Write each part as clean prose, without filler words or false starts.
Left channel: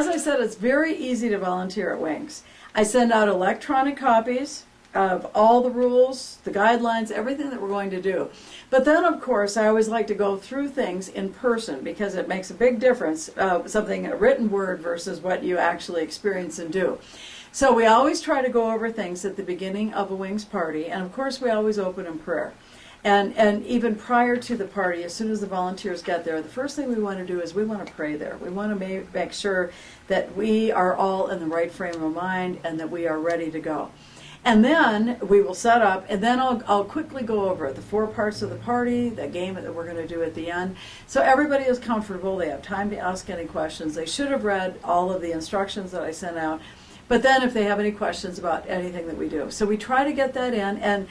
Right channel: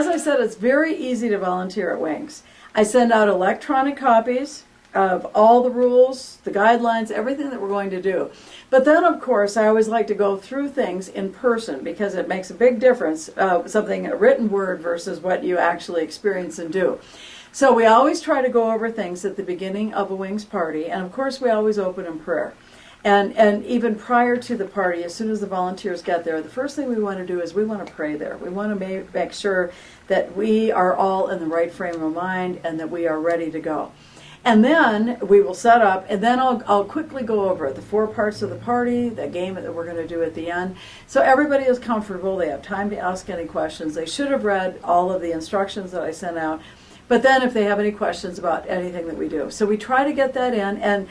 as I said, it's very easy to volunteer at Wings. I send out electronic copies of all the rules, the guidelines, everything that we're going to do. But then, of course, I always like to go through things in person because it makes a big difference, a written word versus what you actually experience and do. So we always try to go over things at the beginning of a Wings party, and of course we always open in prayer. And even prior to the party, as soon as the volunteers get there, the first thing we want to do is we want to pray there. We want to make sure that we are all in the right frame of mind and that we are ready to go. And then we will set up, and then I'll quickly go over the 4 parts of the party, the game that we're going to do at the end. So everybody is comfortable. They have time to ask any questions. They should have read all of the instructions that I sent out. But then if they have any questions about anything that we do. So we try to get that in and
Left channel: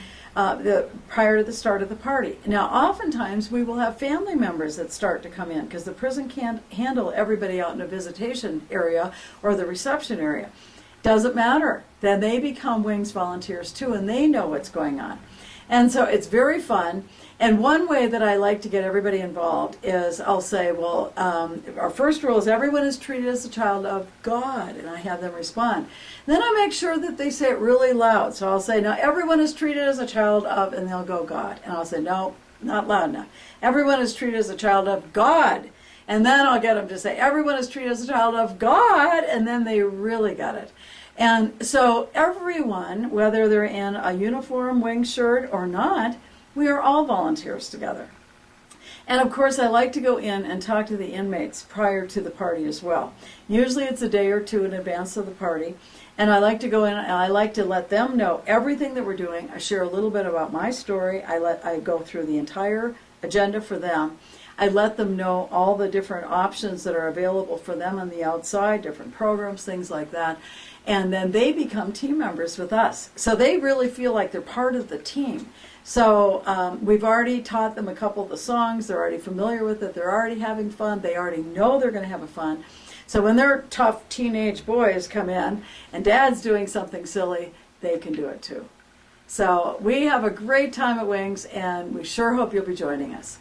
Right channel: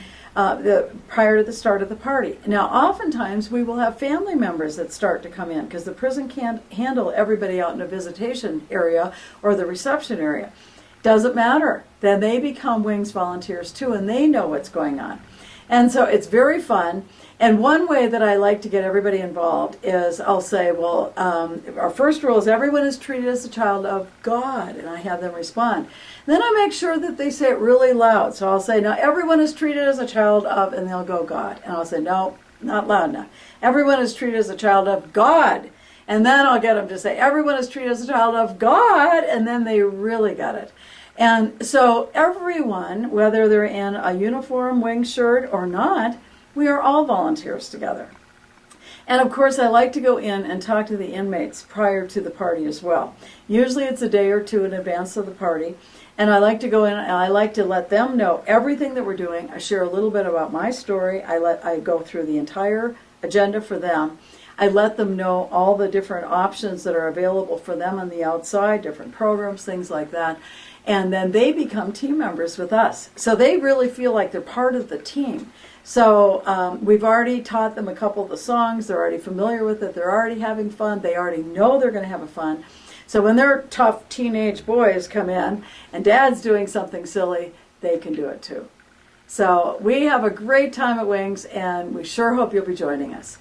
prior to the start of the party. Now, oftentimes we will have family members that start to come in because the prison can't handle everybody out in a visitation area or the reception area. Doesn't matter. Then they become Wings volunteers too, and they know what's going on. And so it's very fun. And one way that I like to get everybody involved is I'll say, well, our first rule is everyone is treated as a child of God, and I have them respond. And then I make sure that they say it really loud. So I'll say, now everyone is treated as a child of, and they'll go, God. And I'll say, no, not loud enough. Everyone is treated as a child of God. And then I'll get them to say, everyone is treated as a child of God, and then they really get it. And so everyone, whether they're in a uniform Wings shirt or not, we are all volunteers together. And of course, I like to go in and talk to the inmates prior to the party as well. Usually it's a day or two in advance of the party. And I like to go in and I like to let them know everything that we're doing. I share a little bit about my story. I go through the entire agenda for them. I let them know all the different options that are available for them on the outside, different programs, things like that. And then they become team members with us. So they really feel like they're part of the team. So we've already taught them a couple of the songs. They're already familiar with it. They're already having fun. They already know they're going to have a fun. So when their tough teenage boys come in and Dad's doing something silly, they can do it too. So we have a great time at Wings, and we sure hope you'll be joining us.